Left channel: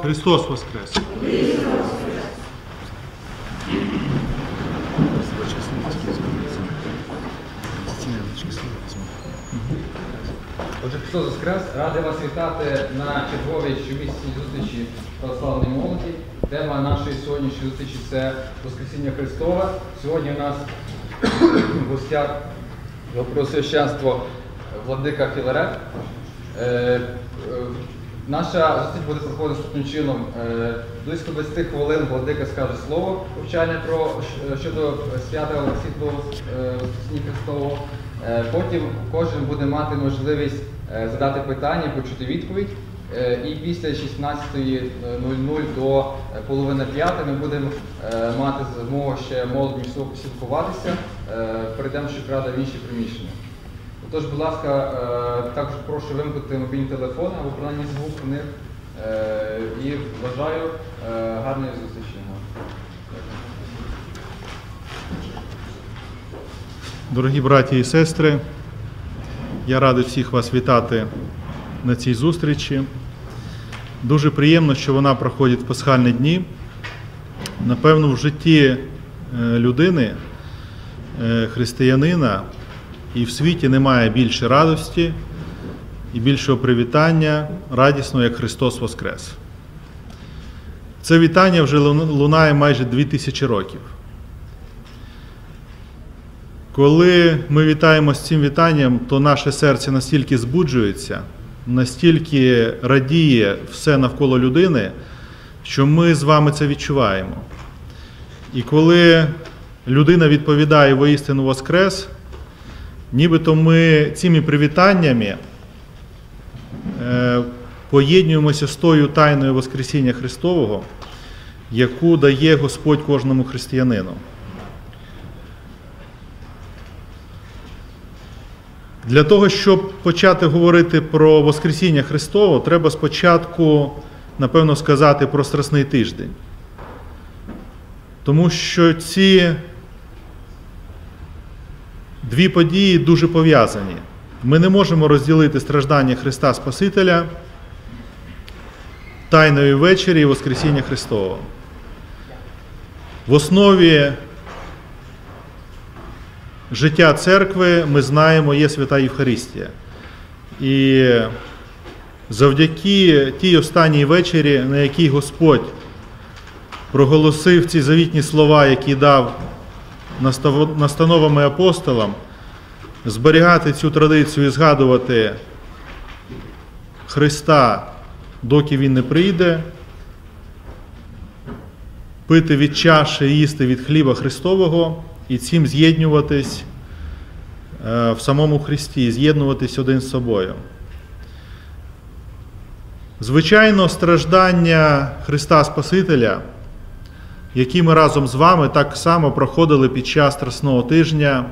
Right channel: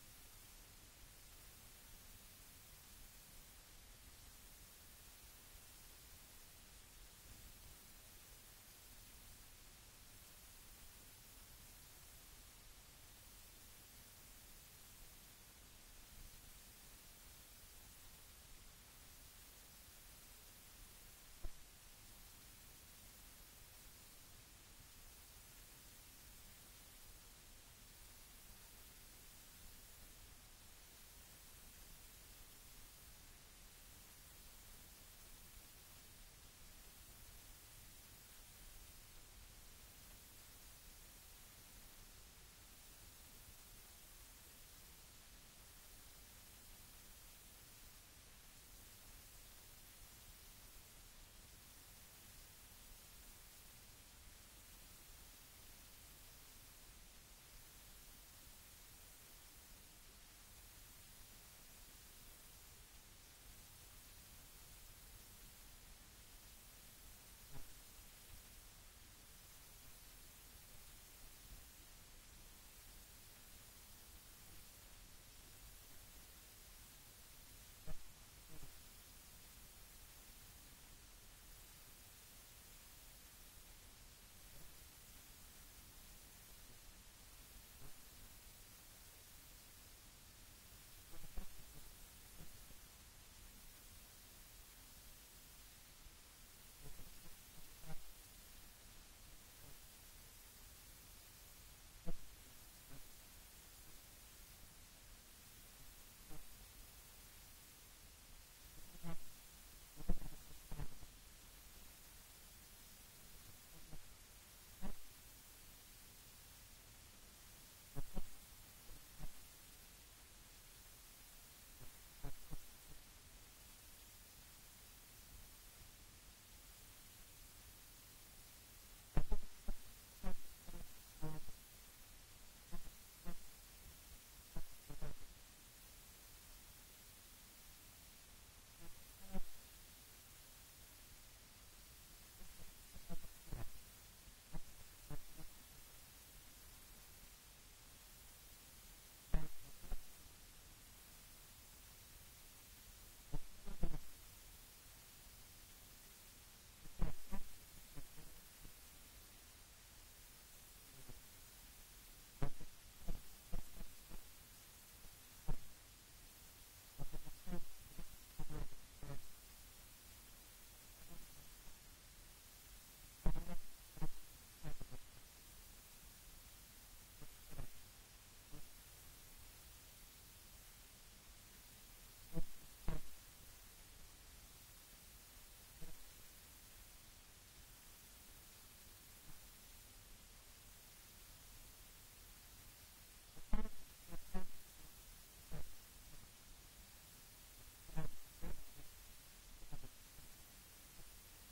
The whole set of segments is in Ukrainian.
Христос Воскрес! Отже, Христос Воскрес, радий вас вітати на черговій щомісячній зустрічі православної молоді. Тема нашої сьогоднішньої зустрічі це Воскресіння Христове. Сьогодні у нас в гостях його Преосвященство Владика Філарет. Е, е, Наша зустріч буде проходити наступним чином. Е, Близько 20 хвилин Владика скаже слово повчання про щодо свята Світлого е, Христового. Е, Потім кожен буде мати можливість е, задати питання, почути відповідь. Е, І після 16.00 до е, половини п'ятої ми будемо е, мати змогу ще молодь. Е, Перейдемо щокрада в інші приміщення. Тож, будь ласка, е, також прошу вимкнути мобільні телефони або принаймні звук у них. Е, І бажаю е, гарної зустрічі. Дорогі браті і сестри, я радий всіх вас вітати на цій зустрічі. Дуже приємно, що вона проходить в пасхальні дні. Напевно, в житті людини, християнина і в світі немає більше радості і більшого привітання радісного, як Христос Воскрес. Це вітання вже лунає майже 2000 років. Коли ми вітаємо з цим вітанням, то наше серце настільки збуджується, настільки радіє все навколо людини, що ми з вами це відчуваємо. І коли людина відповідає воістину Воскрес, нібито ми цими привітаннями е, поєднуємося з тою тайною Воскресіння Христового, яку дає Господь кожному християнину. Для того, щоб почати говорити про Воскресіння Христове, треба спочатку, напевно, сказати про Страсний тиждень. Тому що ці дві події дуже пов'язані. Ми не можемо розділити страждання Христа Спасителя, Тайної вечері і Воскресіння Христового. В основі життя церкви, ми знаємо, є свята Євхаристія. І завдяки тій останній вечері, на якій Господь проголосив ці завітні слова, які дав настановами апостолам, зберігати цю традицію і згадувати Христа, доки Він не прийде, пити від чаші, їсти від хліба Христового і цим з'єднуватись е, в самому Христі, з'єднуватись один з собою. Звичайно, страждання Христа Спасителя, які ми разом з вами так само проходили під час Страсного тижня,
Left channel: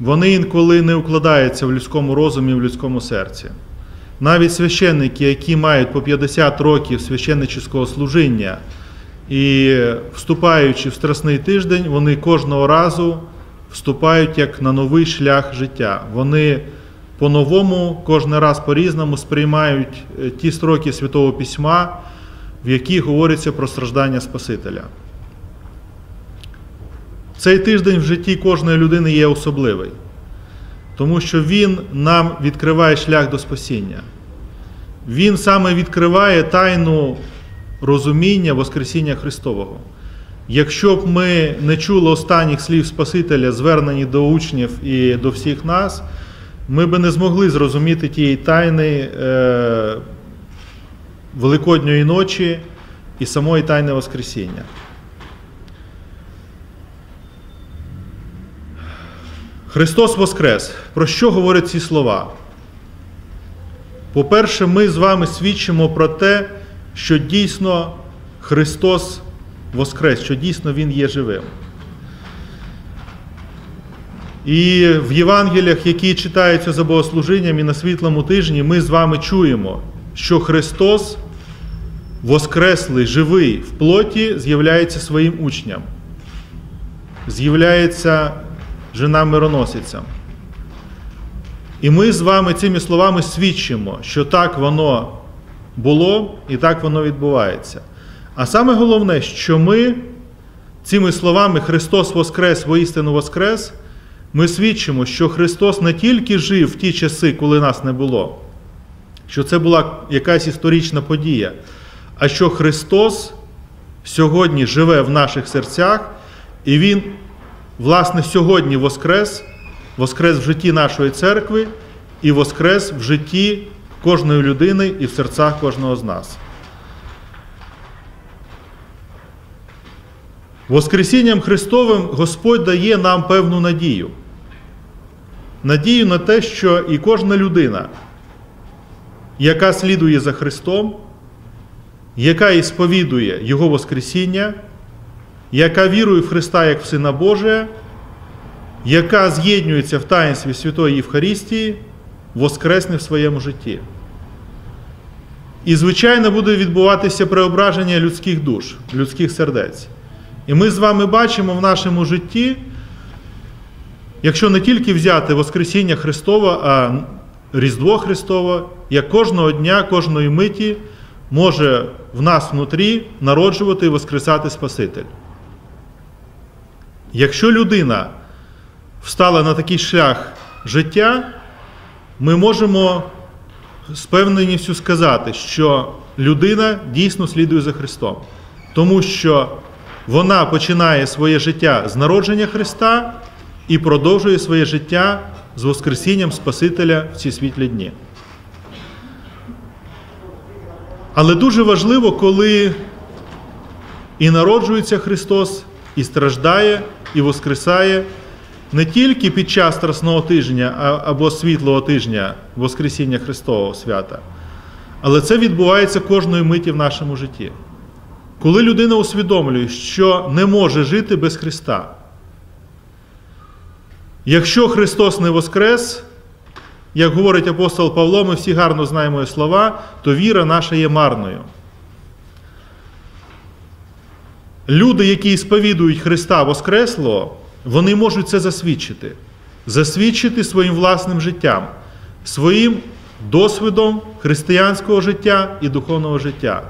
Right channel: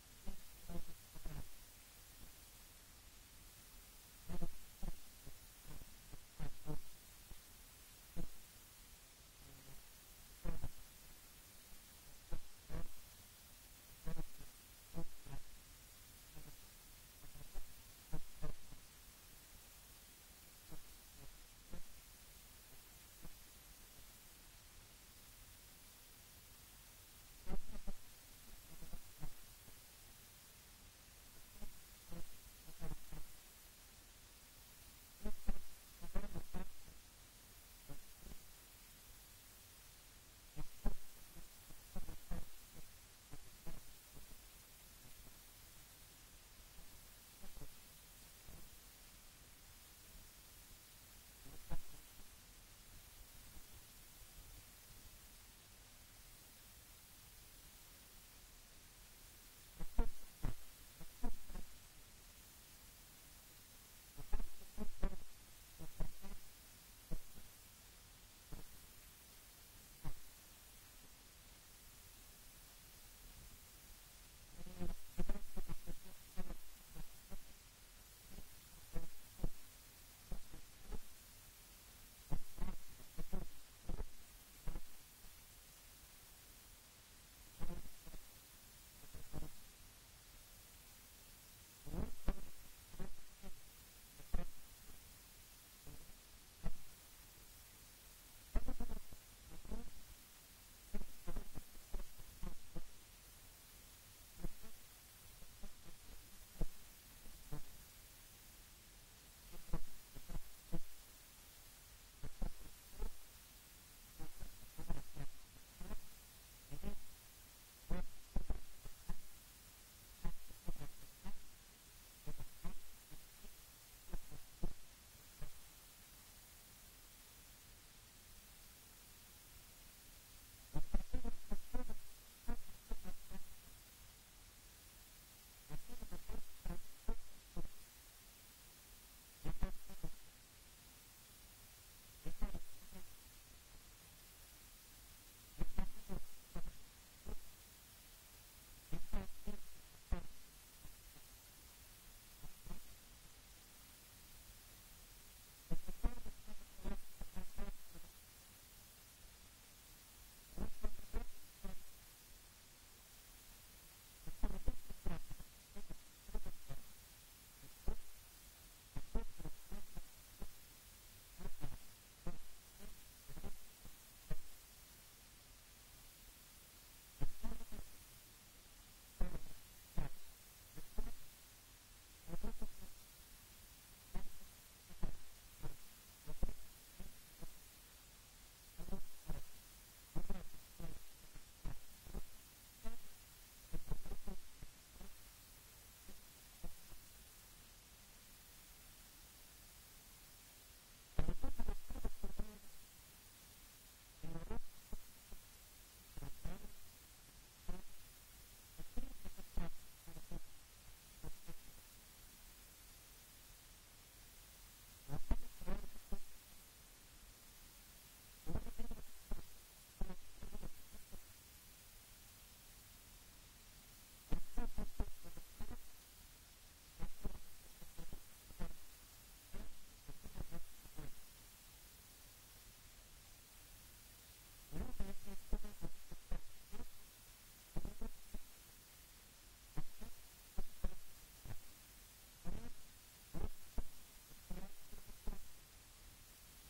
вони інколи не укладаються в людському розумі, в людському серці. Навіть священники, які мають по 50 років священнического служіння, і вступаючи в Страсний тиждень, вони кожного разу вступають як на новий шлях життя. Вони по-новому, кожен раз по-різному сприймають е, ті строки Святого Письма, в яких говориться про страждання Спасителя. Цей тиждень в житті кожної людини є особливий, тому що він нам відкриває шлях до спасіння. Він саме відкриває тайну розуміння Воскресіння Христового. Якщо б ми не чули останніх слів Спасителя, звернені до учнів і до всіх нас, ми б не змогли зрозуміти тієї тайни е, Великодньої ночі і самої тайни Воскресіння. Христос Воскрес. Про що говорять ці слова? По-перше, ми з вами свідчимо про те, що дійсно Христос Воскрес, що дійсно Він є живим. І в Євангеліях, які читаються за богослужінням і на світлому тижні, ми з вами чуємо, що Христос, Воскреслий, живий в плоті, з'являється своїм учням, з'являється жена мироносицям. І ми з вами цими словами свідчимо, що так воно було, і так воно відбувається. А саме головне, що ми цими словами Христос Воскрес, воістину Воскрес, ми свідчимо, що Христос не тільки жив в ті часи, коли нас не було, що це була якась історична подія, а що Христос сьогодні живе в наших серцях, і Він, власне, сьогодні Воскрес, Воскрес в житті нашої церкви і Воскрес в житті кожної людини і в серцях кожного з нас. Воскресінням Христовим Господь дає нам певну надію. Надію на те, що і кожна людина, яка слідує за Христом, яка і сповідує Його Воскресіння, яка вірує в Христа як в Сина Божия, яка з'єднується в таїнстві Святої Євхаристії, воскресне в своєму житті. І, звичайно, буде відбуватися преображення людських душ, людських сердець. І ми з вами бачимо в нашому житті, якщо не тільки взяти Воскресіння Христове, а Різдво Христове, як кожного дня, кожної миті може в нас внутрі народжувати і воскресати Спаситель. Якщо людина встала на такий шлях життя, ми можемо з певненістю сказати, що людина дійсно слідує за Христом, тому що вона починає своє життя з народження Христа і продовжує своє життя з Воскресінням Спасителя в ці світлі дні. Але дуже важливо, коли і народжується Христос, і страждає, і воскресає не тільки під час Страсного тижня або світлого тижня Воскресіння Христового свята, але це відбувається кожної миті в нашому житті. Коли людина усвідомлює, що не може жити без Христа. Якщо Христос не воскрес, як говорить апостол Павло, ми всі гарно знаємо слова, то віра наша є марною. Люди, які сповідують Христа Воскреслого, вони можуть це засвідчити, засвідчити своїм власним життям, своїм досвідом християнського життя і духовного життя.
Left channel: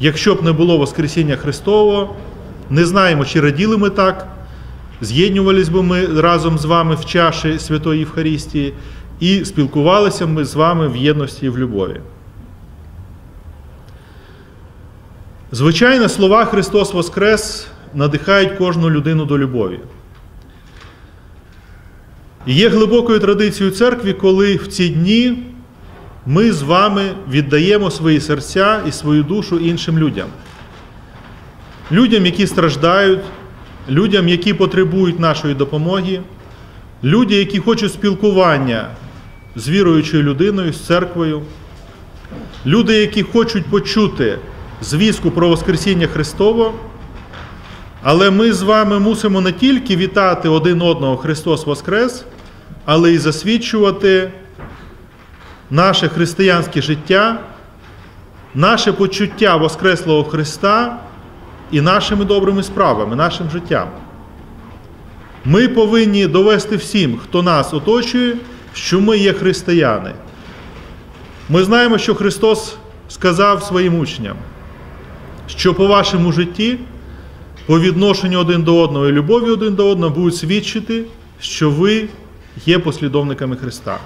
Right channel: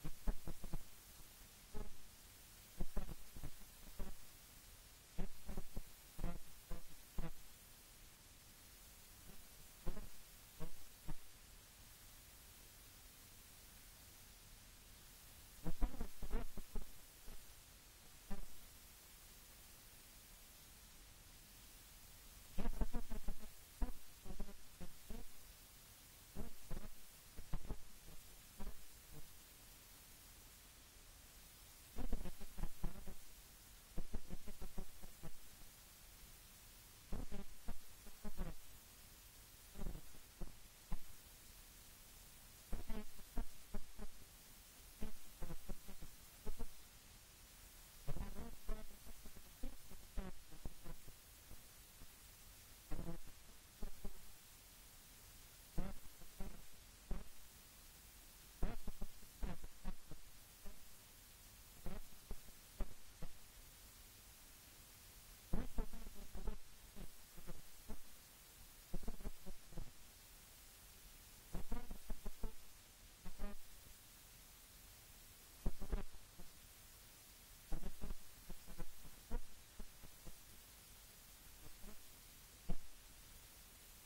Якщо б не було Воскресіння Христового, не знаємо, чи раділи ми так, з'єднувались би ми разом з вами в чаші Святої Євхаристії і спілкувалися ми з вами в єдності і в любові. Звичайно, слова Христос Воскрес надихають кожну людину до любові. І є глибокою традицією церкви, коли в ці дні ми з вами віддаємо свої серця і свою душу іншим людям. Людям, які страждають, людям, які потребують нашої допомоги, люди, які хочуть спілкування з віруючою людиною, з церквою, люди, які хочуть почути звістку про Воскресіння Христово. Але ми з вами мусимо не тільки вітати один одного Христос Воскрес, але й засвідчувати наше християнське життя, наше почуття Воскреслого Христа і нашими добрими справами, нашим життям. Ми повинні довести всім, хто нас оточує, що ми є християни. Ми знаємо, що Христос сказав своїм учням, що по вашому житті, по відношенню один до одного і любові один до одного будуть свідчити, що ви є послідовниками Христа.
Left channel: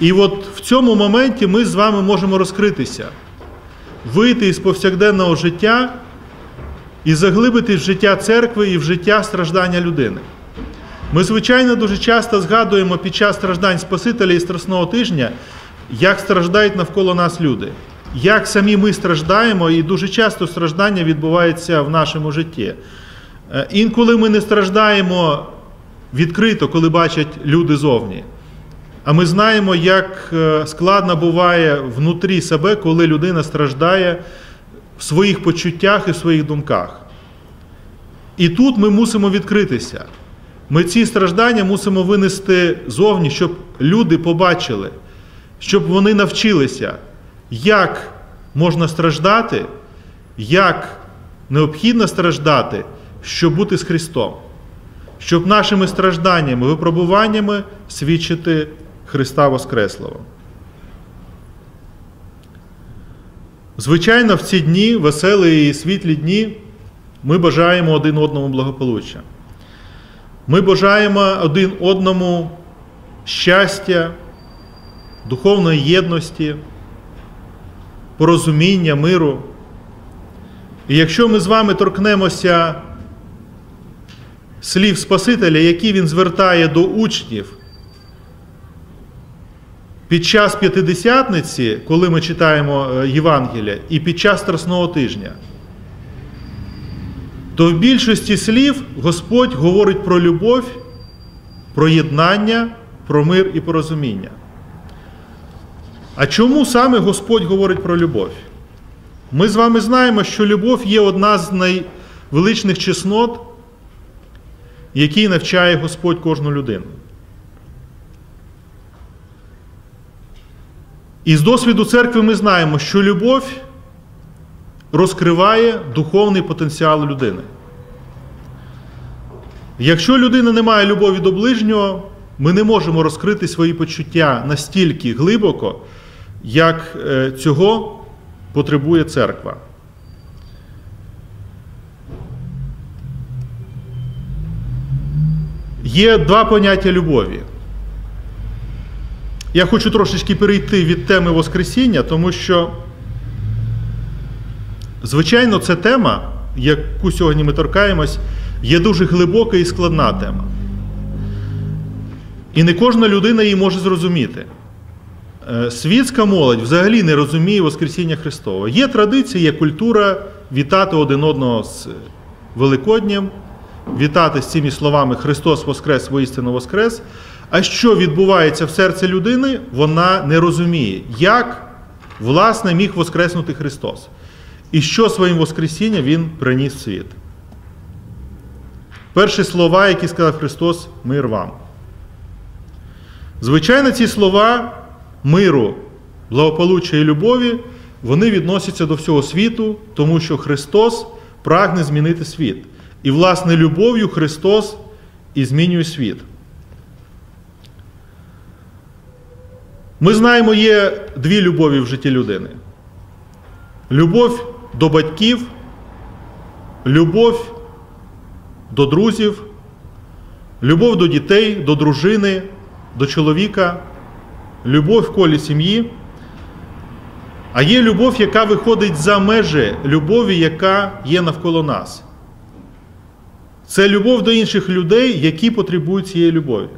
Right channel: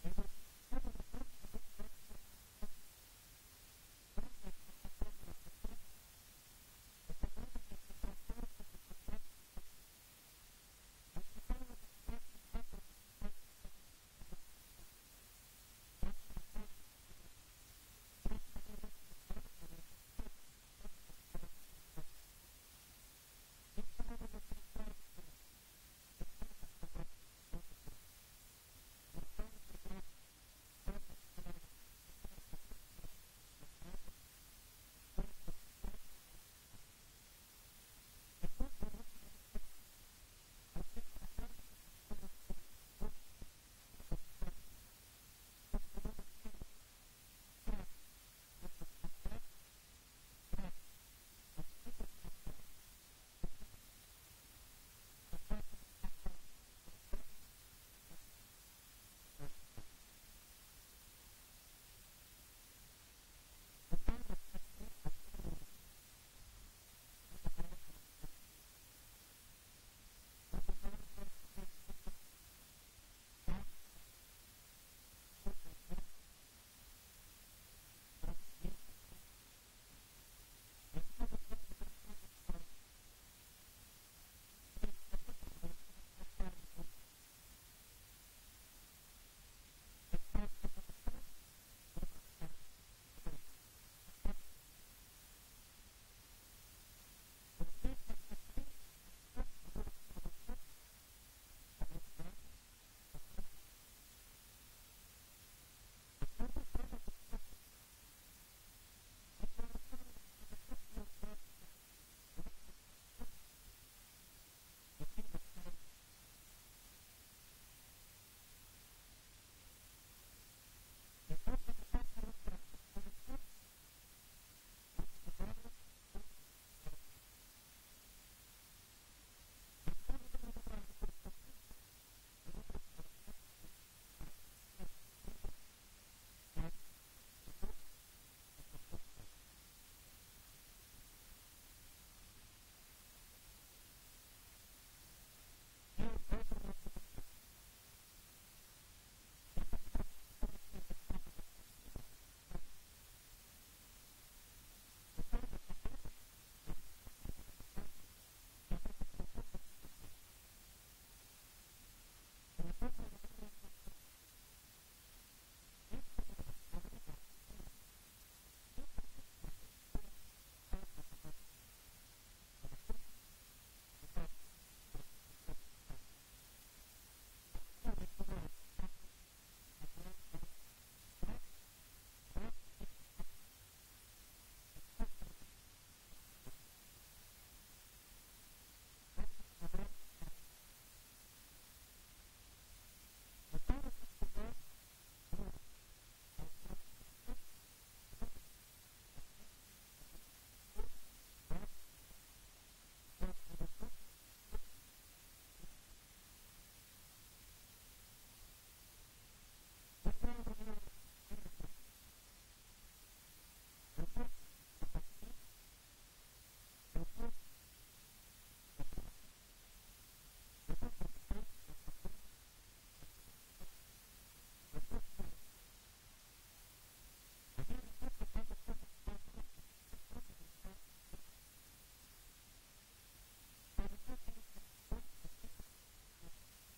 І от в цьому моменті ми з вами можемо розкритися, вийти із повсякденного життя і заглибити в життя церкви і в життя страждання людини. Ми, звичайно, дуже часто згадуємо під час страждань Спасителя і Страсного тижня, як страждають навколо нас люди, як самі ми страждаємо, і дуже часто страждання відбувається в нашому житті. Е, інколи ми не страждаємо відкрито, коли бачать люди зовні. А ми знаємо, як е, складно буває внутрі себе, коли людина страждає в своїх почуттях і в своїх думках. І тут ми мусимо відкритися. Ми ці страждання мусимо винести зовні, щоб люди побачили, щоб вони навчилися, як можна страждати, як необхідно страждати, щоб бути з Христом, щоб нашими стражданнями, випробуваннями свідчити Христа Воскреслого. Звичайно, в ці дні, веселі і світлі дні, ми бажаємо один одному благополуччя. Ми бажаємо один одному щастя, духовної єдності, порозуміння, миру. І якщо ми з вами торкнемося слів Спасителя, які він звертає до учнів під час п'ятидесятниці, коли ми читаємо е, Євангелія, і під час Страсного тижня, то в більшості слів Господь говорить про любов, про єднання, про мир і порозуміння. А чому саме Господь говорить про любов? Ми з вами знаємо, що любов є одна з найвеличних чеснот, який навчає Господь кожну людину. І з досвіду церкви ми знаємо, що любов розкриває духовний потенціал людини. Якщо людина не має любові до ближнього, ми не можемо розкрити свої почуття настільки глибоко, як е, цього потребує церква. Є два поняття любові. Я хочу трошечки перейти від теми Воскресіння, тому що, звичайно, ця тема, яку сьогодні ми торкаємось, є дуже глибока і складна тема. І не кожна людина її може зрозуміти. Е, Світська молодь взагалі не розуміє Воскресіння Христова. Є традиція, є культура вітати один одного з Великоднем, вітати з цими словами Христос Воскрес, воістину Воскрес. А що відбувається в серці людини, вона не розуміє, як власне міг Воскреснути Христос. І що своїм Воскресінням Він приніс в світ. Перші слова, які сказав Христос, мир вам. Звичайно, ці слова миру, благополуччя і любові, вони відносяться до всього світу, тому що Христос прагне змінити світ. І, власне, любов'ю Христос і змінює світ. Ми знаємо, є дві любові в житті людини: любов до батьків, любов до друзів, любов до дітей, до дружини, до чоловіка, любов в колі сім'ї. А є любов, яка виходить за межі любові, яка є навколо нас. Це любов до інших людей, які потребують цієї любові.